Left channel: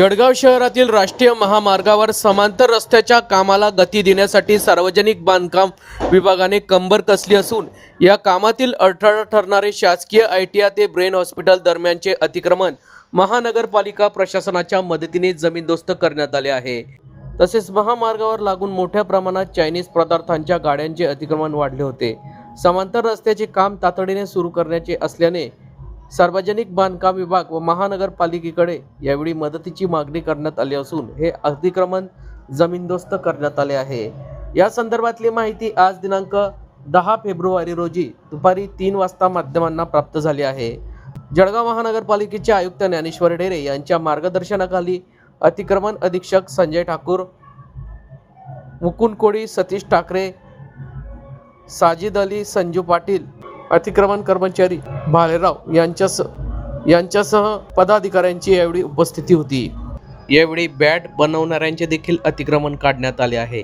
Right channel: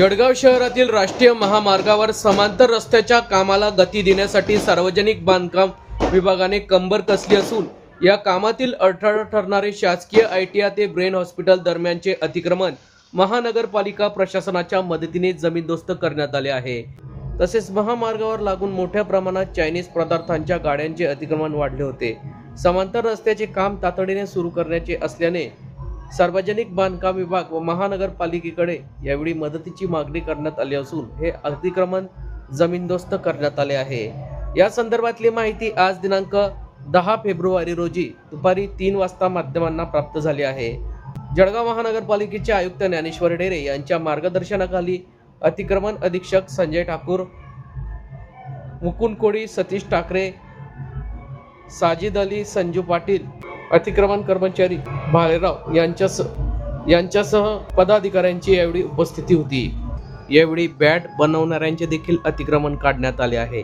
जळगाव शहरातील राष्ट्रीय महामार्गावर समांतर रस्त्याच्या कामाला गती देण्यासाठी सार्वजनिक बांधकाम विभागाने कंबर कसली असून या कामातील अडथळा ठरणारे शासकीय ITI ते ब्रेन हॉस्पिटल दरम्यानचे अतिक्रमण महानगरपालिका प्रशासनाच्या मदतीने जमीनदोस्त करण्यात आले आहे। तसेच महामार्गावर लागून मोठ्या प्रमाणात चायनीज पदार्थांच्या गाड्यांचे अतिक्रमण वाढले होते। समांतर रस्त्याचे काम तातडीने सुरू करण्याचे असल्याने सार्वजनिक बांधकाम विभाग व महानगरपालिकेकडे यावेळी मदतीची मागणी करण्यात आली असून हे अतिक्रमण जमीनदोस्त करण्यात आले आहे। या संदर्भातली माहिती आज दिनांक 10 फेब्रुवारी रोजी दुपारी 3 वाजता माध्यमांना प्राप्त झाली आहे। जळगाव महानगरपालिकेचे आयुक्त ज्ञानेश्वर ढेरे यांच्या मार्गदर्शनाखाली अतिक्रमण अधीक्षक संजय ठाकूर, मुकुंद कोळी, सतीश ठाकरे, साजिद अली, संजू पाटील, अतिक्रमण कर्मचारी भालेराव यांच्यासह पदाधिकाऱ्यांची यावेळी उपस्थिती होती। यावेळी बॅट बनवणाऱ्यांचे देखील अतिक्रमण काढण्यात आले आहे।